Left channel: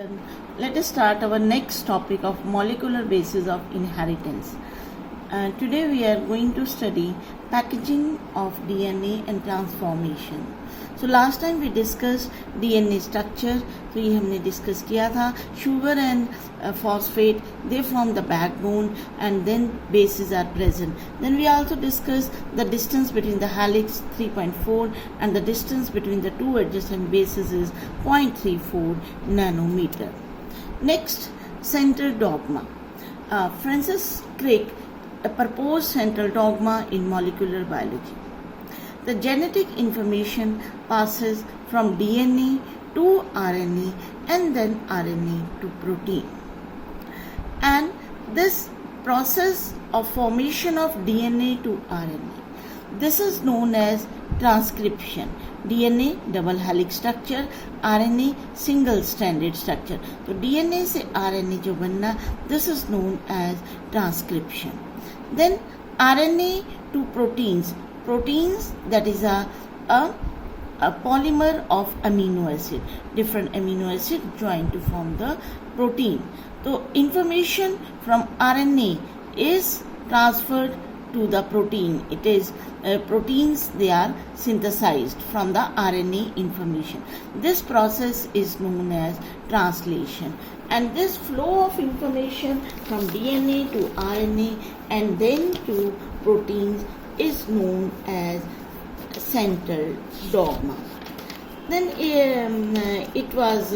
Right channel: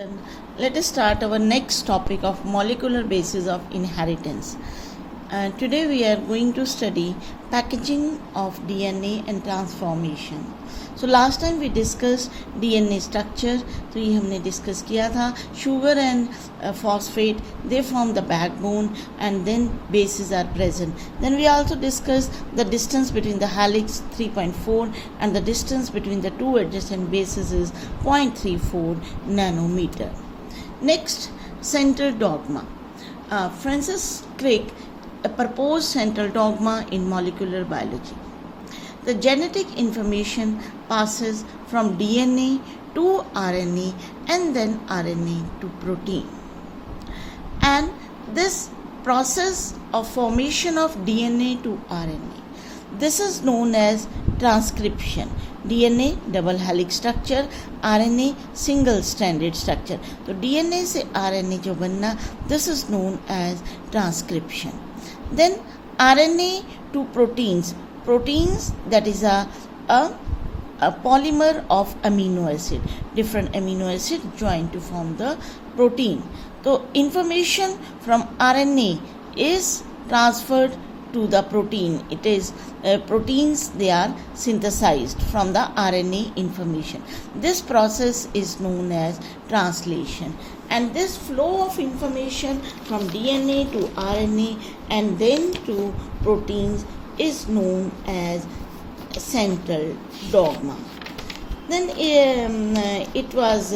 Let us start our next topic of molecular basis of inheritance. Today we are going to study packaging of DNA and transformation. So last time we discussed DNA structure. तो ये हमने discuss किया था. Sugar and phosphate, they form the backbone and then bases are present. Then we also discussed the distance between the helix 3.4 and the distance between the two adjacent bases is 0.34 nanometer. Next, central dogma. Francis Crick proposed central dogma in molecular biology. The genetic information passes from DNA to RNA and then RNA to protein. And this process of formation of DNA to RNA, this is known as transcription. DNA double helix structure, RNA single stranded structure. तो DNA से RNA जो बनना, this is known as transcription. Then RNA to proteins. Proteins, that is a polymer of amino acid. Different amino acid join to form the protein. So information from RNA is transferred to the protein. It is proteins, they are synthesized from the RNA information. This process is known as translation. And this flow of information from DNA to RNA and then to proteins is known as central dogma. Then it was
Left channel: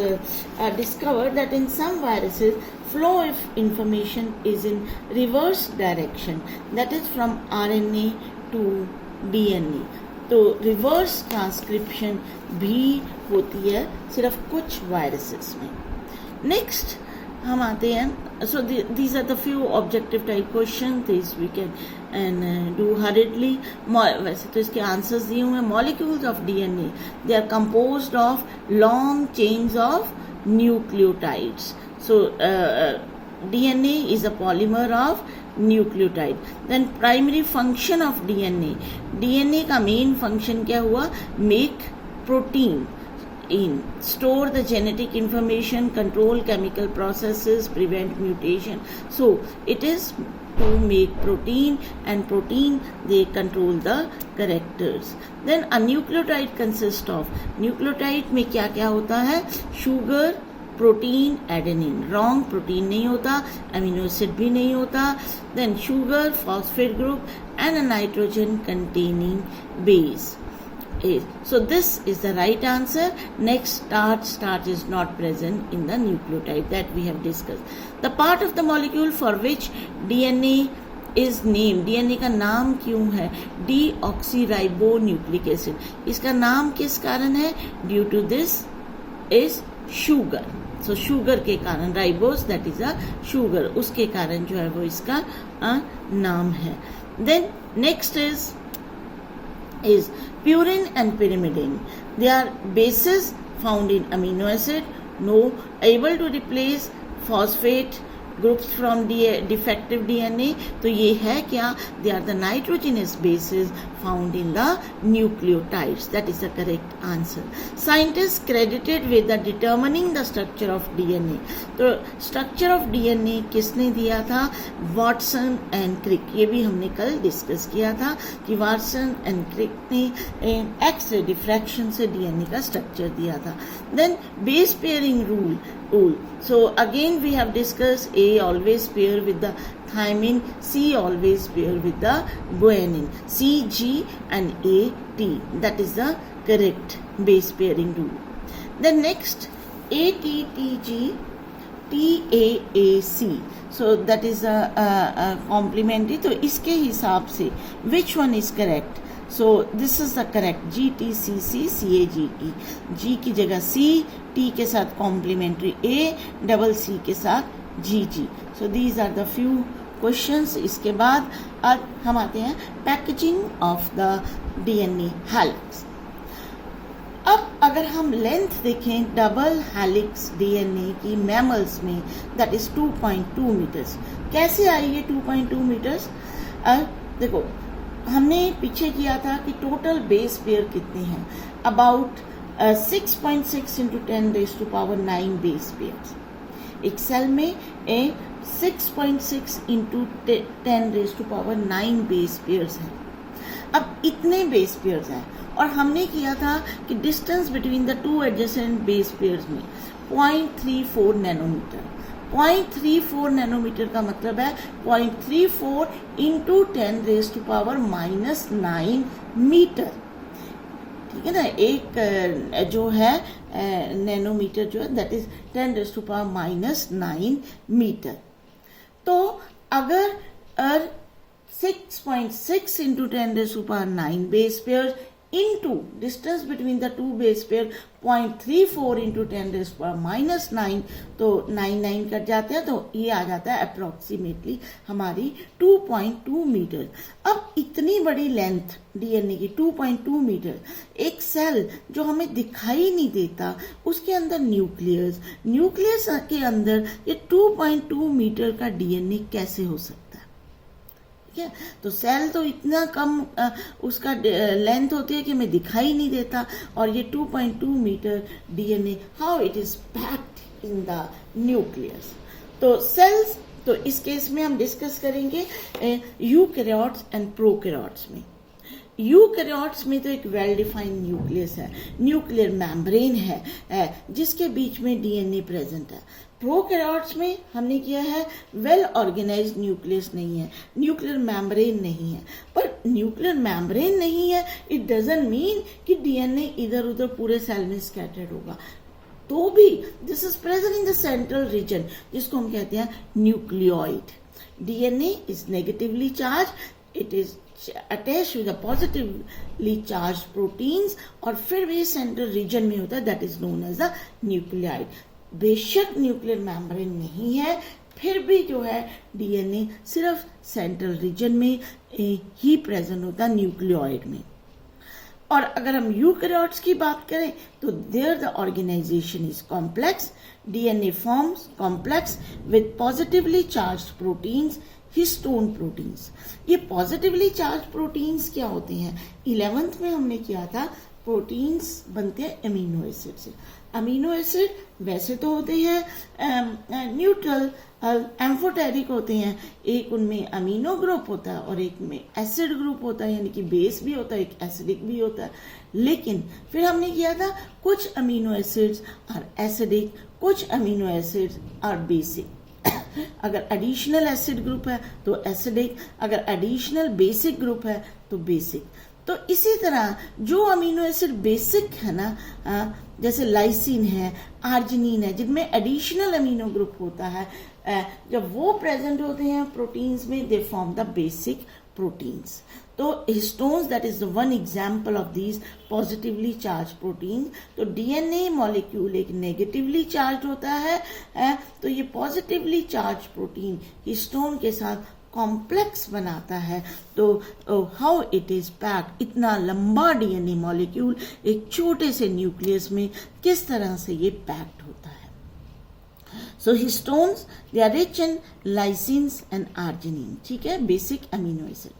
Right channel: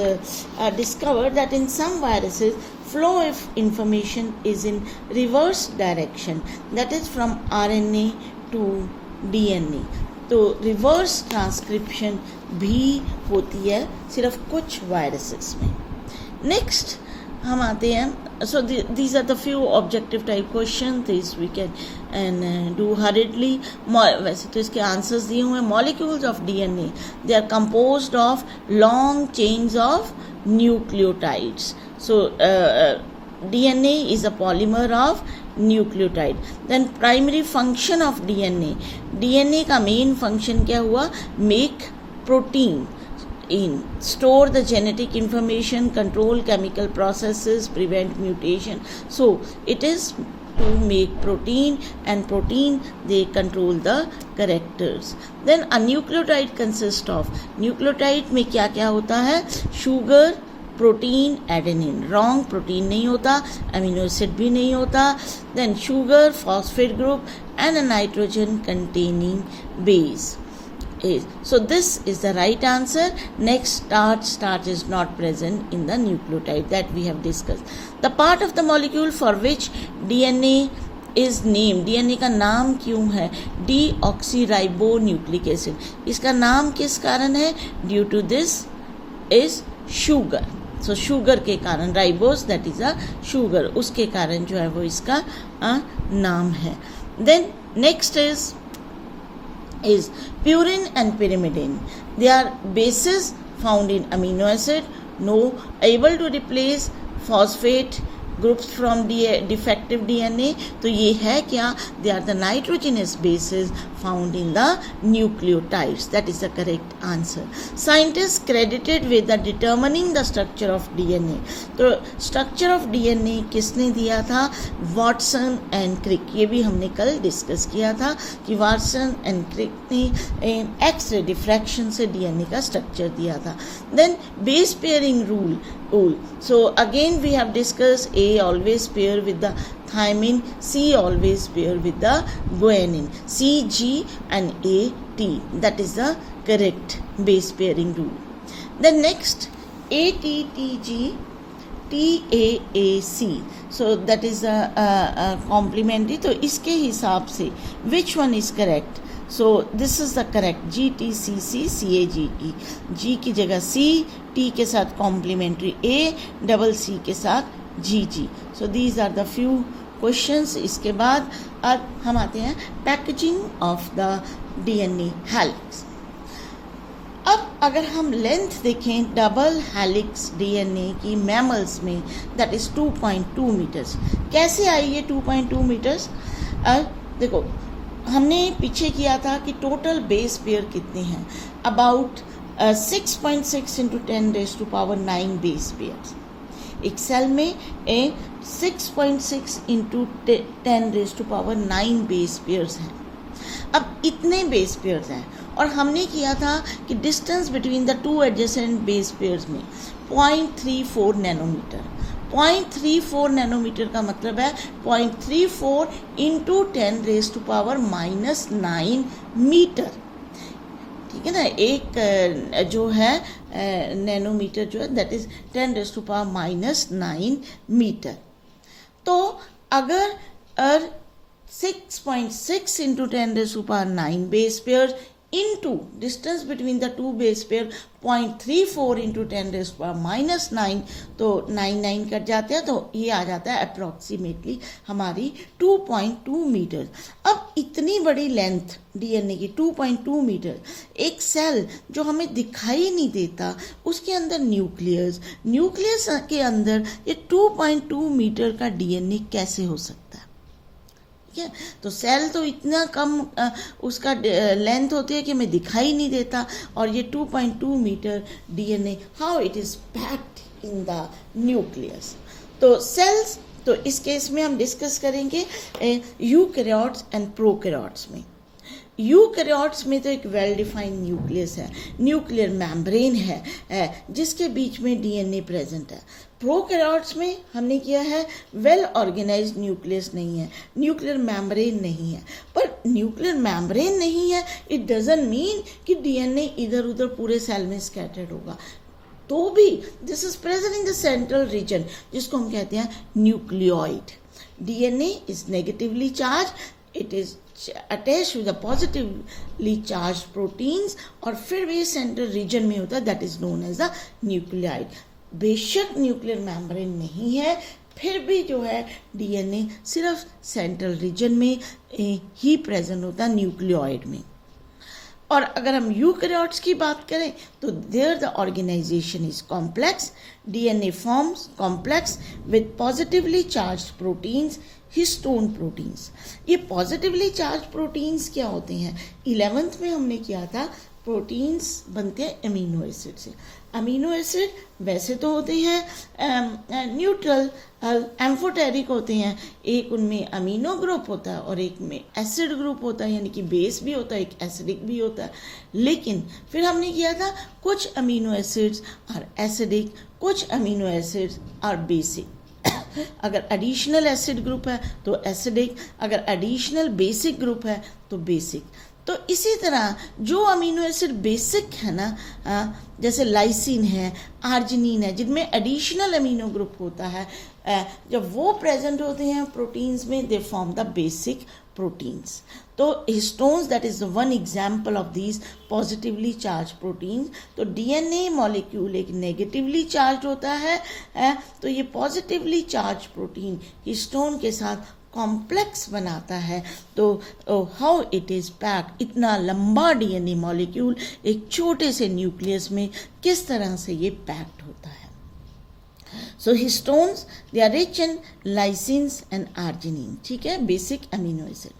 discovered that in some viruses, flow of information is in reverse direction, that is from RNA to DNA. तो reverse transcription भी होती है सिर्फ कुछ viruses में. Next हम आते हैं. So these are the few objective type question. This we can do hurriedly. वैसे तो इसके आंसर्स दिए हुए हैं. Molecules of DNA, they are composed of long chains of nucleotides. So DNA is a polymer of nucleotide. Then primary function of DNA का main function क्या हुआ? Make protein. Store the genetic information, control chemical processes, prevent mutation. So it is to make protein, and protein they control the characters. Then a nucleotide consists of, nucleotide में क्या क्या होता है? Sugar, protein, adenine. Wrong protein नहीं होता, amino acid भी नहीं होता. Then sugar, phosphate group and a nitrogen containing base. So this is the right answer. Next, starch is not present in the nucleotide that we have discussed. The part of the molecule for which DNA is named, DNA का नाम क्यों है? Deoxyribonucleic acid. इसका नाम किस कारण है? Due to this is sugar. So sugar के कारण, ribose that is a sugar, उसके कारण जो है वो इसका नाम है. Then next is purine and pyrimidine. They are bases found in amino acid, able to replace phosphate groups from defective DNA. तो ये है क्या? They are the nitrogenous bases found in the nucleotides. That is the correct answer. Scientists credited with the determining the structure of DNA. तो structure of DNA किसने दिया था? Watson and Crick. ये भी हमने कल डिस्कस किया था कि वॉटसन एंड क्रिक ने एक्सरे डिफ्रैक्शन से DNA का स्ट्रक्चर दिया था. Then base pairing rule. So again we have discussed A always pair with the thymine, C always pair with the guanine. C, G and A, T. That is the correct base pairing rule. The next ATTG, TAAC. So that is a complementary. तो इसके हिसाब से which one is correct? So this is the correct. GTCC CAGE. G की जगह C, T के साथ complementary A, double C के साथ GG. So these are the few questions. इसके बाद अब हम आते हैं packaging of the DNA helix. अब अगर हम लेंथ देखें डबल हेलिक्स डीएनए की मैमल्स में, दैट इज 2.2 मीटर्स. कैसे आई ये 2.2 मीटर्स? देखो हमने पीछे किया था कि टोटल बेस पेयर कितने हैं, about 6.6 into 10 raised to power 9 base pairs. एक सेल में 6.6 into 10 raised to power 9 base pairs हैं। अब इतने बेस पेयर्स हैं और हमने किया था कि distance between the two adjacent base pairs में 0.34 नैनोमीटर। 0.34 नैनोमीटर का मतलब है 0.34 into 10 raised to power -9 metre. ठीक है ना, एक जो है नैनोमीटर जो है that is 10 raised to power -9 metre. तो अगर 6.6 into 10 raised to power 9 base pairs into distance between the two base pair 0.34 into 10 raised to power -9, तो 9 कट जाते हैं तो ये आ जाता है अप्रोक्सीमेटली हमारी 2.2 मीटर। अब इतनी बड़ी लेंथ डीएनए की 2.2 मीटर, एक सेल जो हमें दिखाई नहीं देता उसके अंदर न्यूक्लियस के अंदर ये 2.2 मीटर का डीएनए कैसे हो सकता है? ठीक है, तो सेल तो इतना कम उसका लेंथ होती है कि हमें दिखाई नहीं देता, और ये 2.2 metre DNA how it is packed in the nucleus. तो सेल्स, तो इस केस में हम डिस्कस करेंगे यूकैरियोट्स एंड प्रोकैरियोट्स में। यूकैरियोट्स में तो एक वेल डिफाइंड न्यूक्लियस है, न्यूक्लियर मेम्ब्रेन है जिसके बीच में डीएनए प्रेजेंट है। प्रोकैरियोट्स में हमने किया है वेल ऑर्गेनाइज्ड न्यूक्लियस नहीं है, न्यूक्लियर मेम्ब्रेन नहीं है। पर न्यूक्लियर मेम्ब्रेन नहीं है इट डजंट मीन कि डीएनए इधर उधर पूरे सेल में स्कैटर्ड होगा, तो भी this is present in the central region जिसको हम कहते हैं nucleoid. DNA is negatively charge, it is attached with the positively charged proteins और फिर भी सेंट्रल रीजन में होता है that is known as the nucleoid. बेशक न्यूक्लियर मेम्ब्रेन नहीं है फिर भी जो है डीएनए सिर्फ सेंट्रल रीजन में ही प्रेजेंट होता है न्यूक्लियोइड में। और अगर हम यूकैरियोट्स की बात करें तो there the organisation is complex, DNA forms complex with positively charged proteins, histone proteins. ये पॉजिटिवली चार्ज प्रोटीन्स क्या होते हैं? 11th में हमने किया था प्रोटीन्स बनते हैं अमीनो एसिड से। अमीनो एसिड वैसे तो होते हैं न्यूट्रल एम्फोटेरिक होते हैं, एक उनमें अमीनो ग्रुप होता है और एक में एसिड ग्रुप होता है, यानी कि बेस भी होता है एक एसिडिक भी होता है। लेकिन फिर हमने किया था कुछ अमीनो एसिड्स और एसिडिक, कुछ अमीनो एसिड्स और बेसिक। अगर एडिशनल एसिड ग्रुप है तो एसिडिक, अगर एडिशनल बेसिक ग्रुप है तो बेसिक। तो इसी तरह जो अमीनो एसिड बेसिक है ना, जैसे लाइसिन है, आर्जिनिन है, जिनमें एडिशनल अमीनो ग्रुप होता है, जब वो प्रेजेंट होते हैं प्रोटीन्स में they form the basic proteins. तो histones that is one example of these positively charge protein. तो डीएनए मॉलिक्यूल एक नेगेटिवली चार्ज होता है, तो ये पॉजिटिवली चार्ज प्रोटीन हिस्टोन के साथ कॉम्प्लेक्स बनाता है। तो हाउ इट इज पैक्ड, इतना लंबा डीएनए मॉलिक्यूल एक छोटे से न्यूक्लियस में किस तरह से ये पैक्ड होता है। So histones they are rich in lysines and arginine, ठीक है, बेसिक अमीनो एसिड।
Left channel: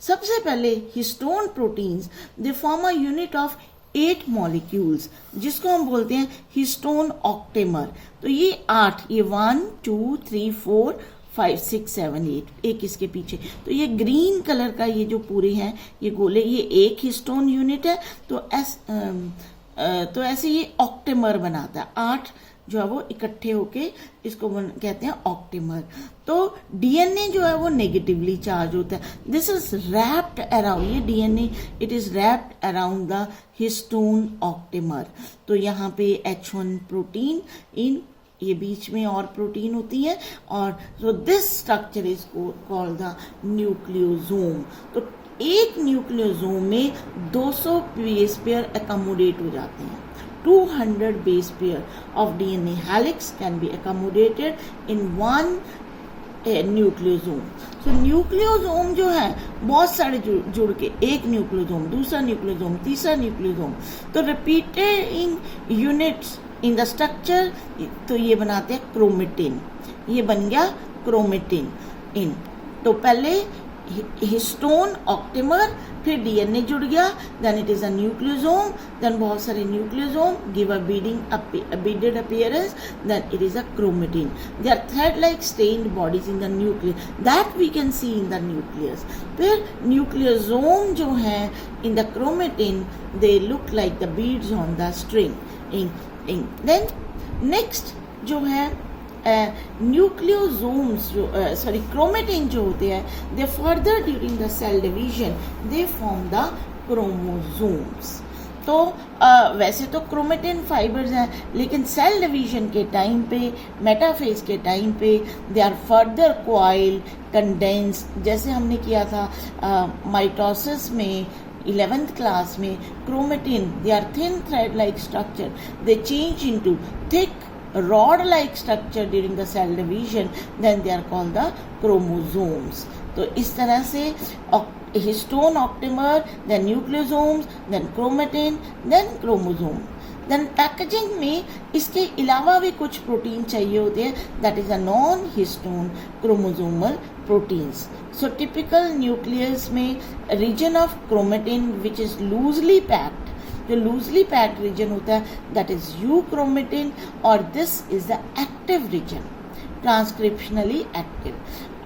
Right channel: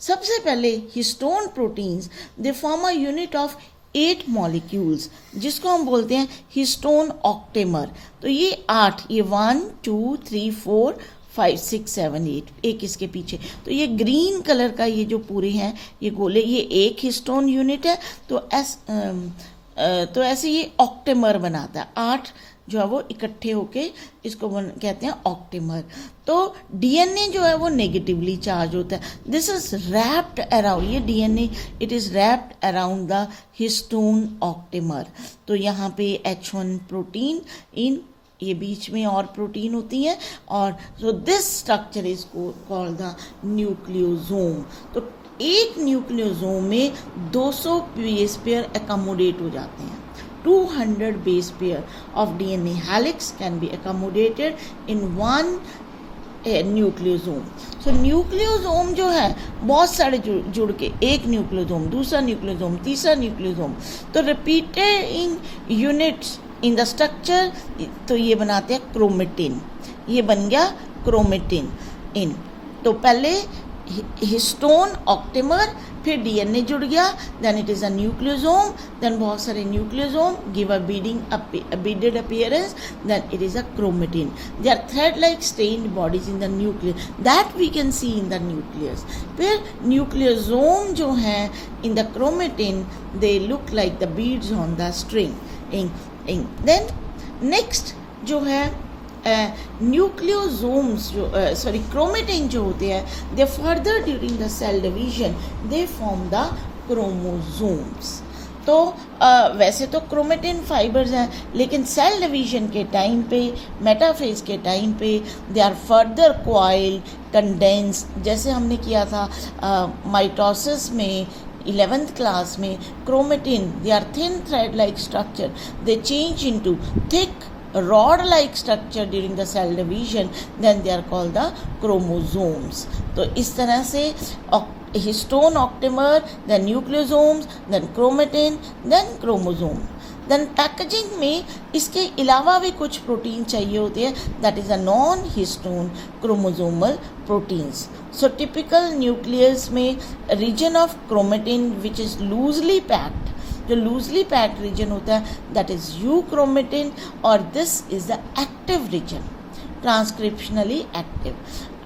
सबसे पहले histone proteins they form a unit of 8 molecules जिसको हम बोलते हैं हिस्टोन ऑक्टेमर। तो ये 8, ये 1 2 3 4 5 6 7 8 एक इसके पीछे, तो ये ग्रीन कलर का ये जो पूरे हैं ये गोले, ये एक हिस्टोन यूनिट है। तो ऐसे ये ऑक्टेमर बनाता है, 8 जो है वो इकट्ठे होके इसको कहते हैं ऑक्टेमर। तो डीएनए जो है वो नेगेटिवली चार्ज होता है, दिस इज रैप्ड अराउंड, ये DNA it is wrapped around the histone octamer. तो यहाँ पे H1 प्रोटीन इन ये बीच में और प्रोटीन होती है, और so this structure is called the nucleosome. तो एक न्यूक्लियोसोम में 200 बेस पेयर अकोमोडेट हो जाते हैं। 200 base pair of DNA helix can be accommodated in one nucleosome. So nucleosome जो है बहुत सारे जुड़ के एक न्यूक्लियोसोम, दूसरा न्यूक्लियोसोम, तीसरा न्यूक्लियोसोम, तो repeated in units in the structure, तो ये बनाते हैं क्रोमेटिन। ये बन गया क्रोमेटिन इन। तो पहले हिस्टोन ऑक्टेमर, फिर डीएनए जुड़ गया, then it is a nucleosome, then बहुत सारे nucleosome give a beaded appearance, then it is a chromatin. They are thread-like stained bodies in the nucleus that we can see in the nucleus. फिर nucleosome जो है in the chromatin they look like the beads on the string. Then next जो है nucleosomes chromatin जो होते हैं they further during the cell division they form the chromosomes. तो वैसे तो क्रोमेटिन फाइबर्स हैं, लेकिन सेल डिवीजन के टाइम पे, मेटाफेज के टाइम पे they are further coiled, condensed, जैसे हमने किया था माइटोसिस में 11th क्लास में. Chromatin they are thin thread like structure, they change into thick rod like structure during the cell division, then they are called the chromosomes. तो इस तरह से histone octamer, then nucleosomes, then chromatin, then chromosome. Then packaging में इसके अलावा भी कुछ protein चाहिए होते हैं, that is a non-histone chromosomal proteins. So typical nucleus में region of chromatin which is loosely packed, जो लूजली पैक्ड रीजन होता है दैट इज यूक्रोमेटिन, और this is the active region, transcriptionally active,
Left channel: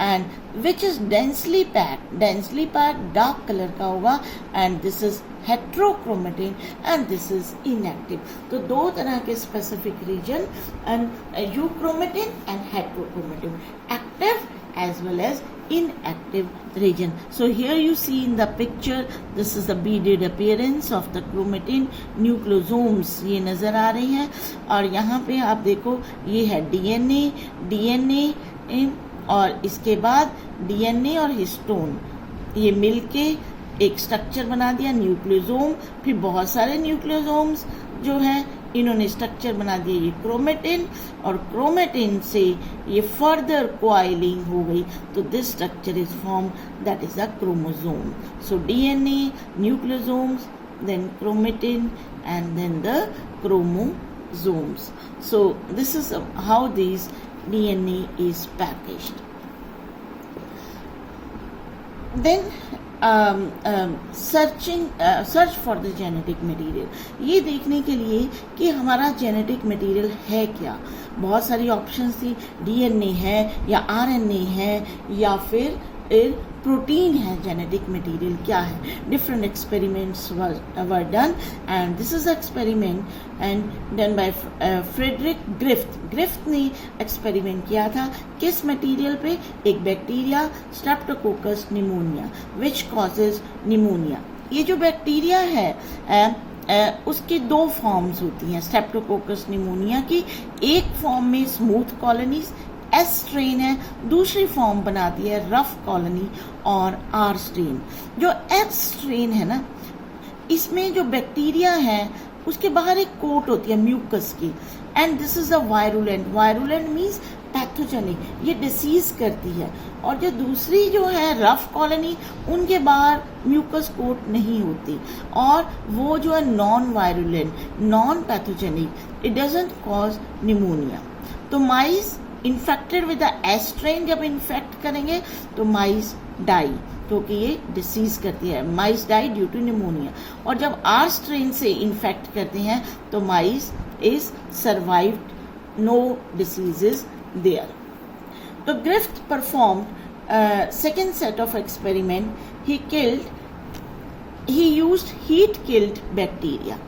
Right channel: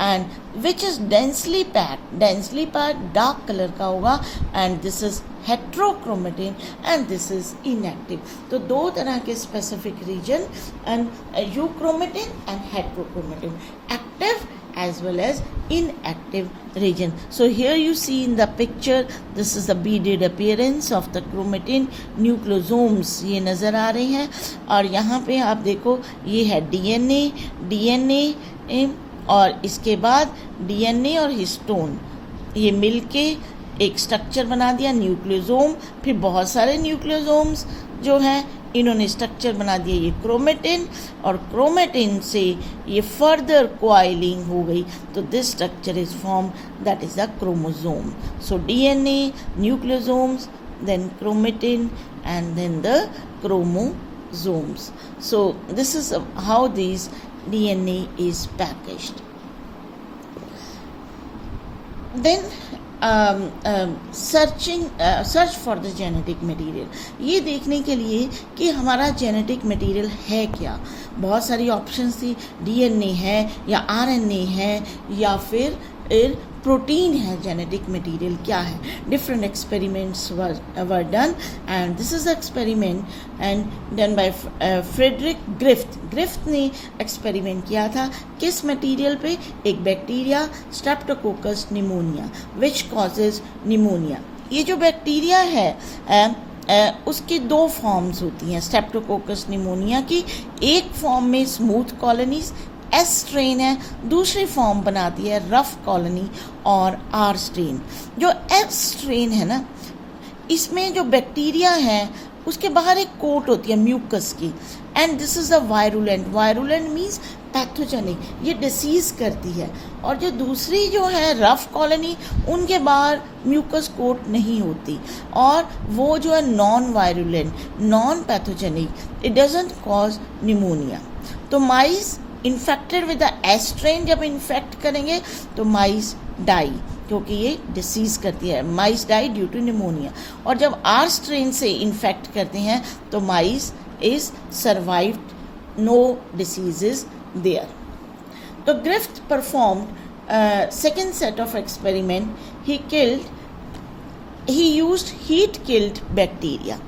and which is densely packed dark colour का होगा, and this is heterochromatin and this is inactive. तो दो तरह के specific region, and euchromatin and heterochromatin, active as well as inactive region. So here you see in the picture, this is the beaded appearance of the chromatin. Nucleosomes ये नज़र आ रही हैं, और यहाँ पे आप देखो ये है डीएनए और इसके बाद डीएनए और हिस्टोन ये मिलके एक स्ट्रक्चर बना दिया न्यूक्लियोसोम. फिर बहुत सारे न्यूक्लियोसोम्स जो हैं इन्होंने स्ट्रक्चर बना दिया ये क्रोमेटिन, और क्रोमेटिन से ये फर्दर क्वाइलिंग हो गई, तो this structure is form, that is the chromosome. So DNA, nucleosomes, then chromatin and then the chromosomes. So this is how this DNA is packaged. Then search for the genetic material, ये देखने के लिए कि हमारा genetic material है क्या. बहुत सारी ऑप्शंस थी, डीएनए है या आरएनए है या फिर प्रोटीन है. जेनेटिक मटेरियल क्या है? Different experiments were done, and this is experiment and done by Frederick Griffith ने एक्सपेरिमेंट किया था. किस मटेरियल पे? एक bacteria streptococcus pneumonia which causes pneumonia. ये जो बैक्टीरिया है उसकी दो फॉर्म्स होती हैं स्ट्रेप्टोकोकस निमोनिया की. एक फॉर्म में स्मूथ कॉलोनीज एस स्ट्रेन है, दूसरी फॉर्म बनाती है रफ कॉलोनी और आर स्ट्रेन. जो एस स्ट्रेन है ना, इसमें जो बैक्टीरिया है उसके बाहर एक कोट होती है म्यूकस की, and this is a virulent means pathogenic, ये डिसीज करती है. और जो दूसरी जो है रफ कॉलोनी, उनके बाहर म्यूकस कोट नहीं होती, और वो जो है non virulent, non pathogenic, it doesn't cause pneumonia. तो mice infected with the S strain जब इन्फेक्ट करेंगे तो माइस डाई, क्योंकि ये डिसीज करती है. Mice die due to pneumonia. और जब आर स्ट्रेन से इन्फेक्ट करते हैं तो mice is survived, no diseases there. तो Griffith performed second set of experiment. He used heat killed bacteria.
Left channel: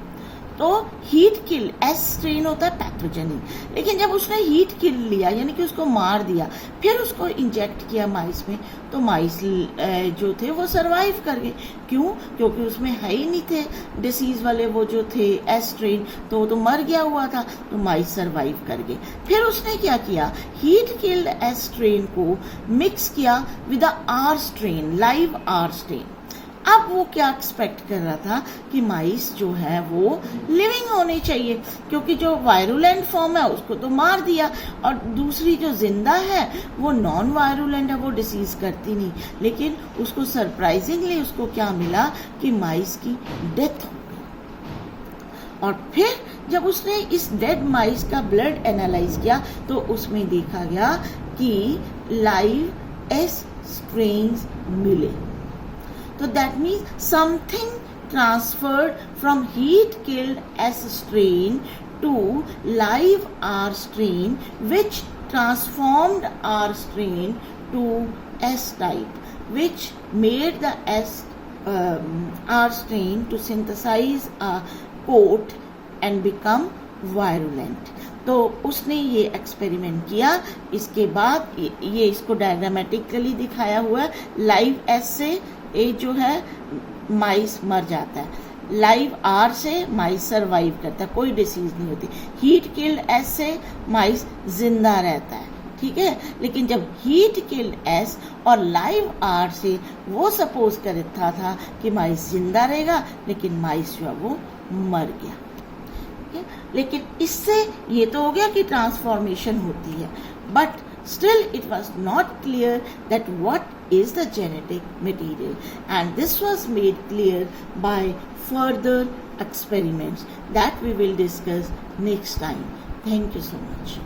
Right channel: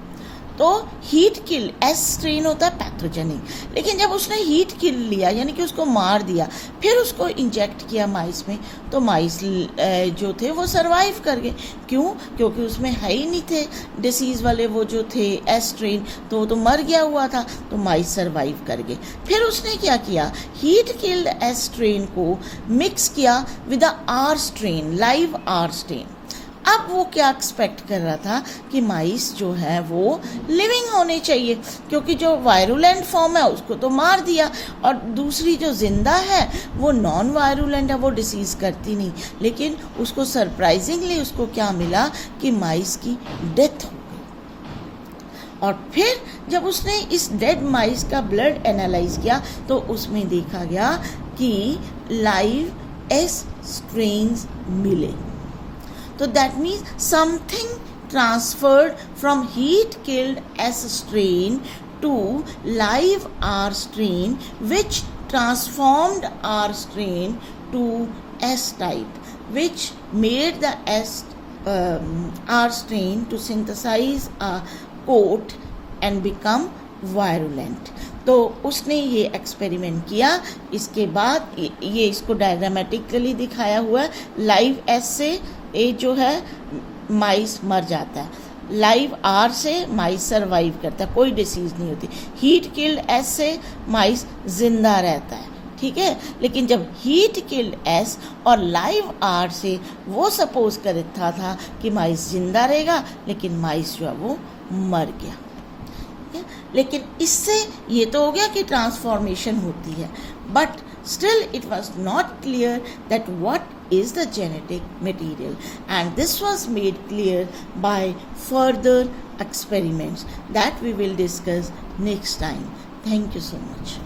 तो हीट किल एस स्ट्रेन होता है पैथोजेनिक, लेकिन जब उसने हीट किल लिया यानी कि उसको मार दिया, फिर उसको इंजेक्ट किया माइस में, तो माइस जो थे वो सरवाइव कर गए. क्यों? क्योंकि उसमें है ही नहीं थे डिसीज़ वाले वो जो थे एस स्ट्रेन, तो वो तो मर गया हुआ था, तो माइस सरवाइव कर गए. फिर उसने क्या किया, हीट किल्ड एस स्ट्रेन को मिक्स किया with the R strain, live R strain. अब वो क्या एक्सपेक्ट कर रहा था कि माइस जो है वो लिविंग होने चाहिए, क्योंकि जो वायरुलेंट फॉर्म है उसको तो मार दिया, और दूसरी जो जिंदा है वो नॉन वायरुलेंट है, वो डिसीज करती नहीं. लेकिन उसको सरप्राइजिंगली उसको क्या मिला कि माइस की डेथ हो. और फिर जब उसने इस डेड माइस का ब्लड एनालाइज किया तो उसमें देखा गया कि लाइव S strains मिले. तो that means something transferred from heat killed S strain to live R strain, which transformed R strain to S type, which made the R strain to synthesize a coat and become virulent. तो उसने ये experiment किया. इसके बाद ये इसको diagrammatically दिखाया हुआ है. लाइव एस से ये जो है माइस मर जाता है, लाइव आर से माइस सर्वाइव करता है, कोई डिसीज नहीं होती. हीट किल्ड एस से माइस जिंदा रहता है, ठीक है. लेकिन जब हीट किल्ड एस और लाइव आर से वो सपोज करता था कि माइस जिंदा रहेगा, लेकिन माइस जो है वो मर गया. लेकिन इससे ये तो हो गया कि ट्रांसफॉर्मेशन होती है, but still it was not clear that what is the genetic material, and this was made clear by further experiments that we will discuss next time. Thank you so much.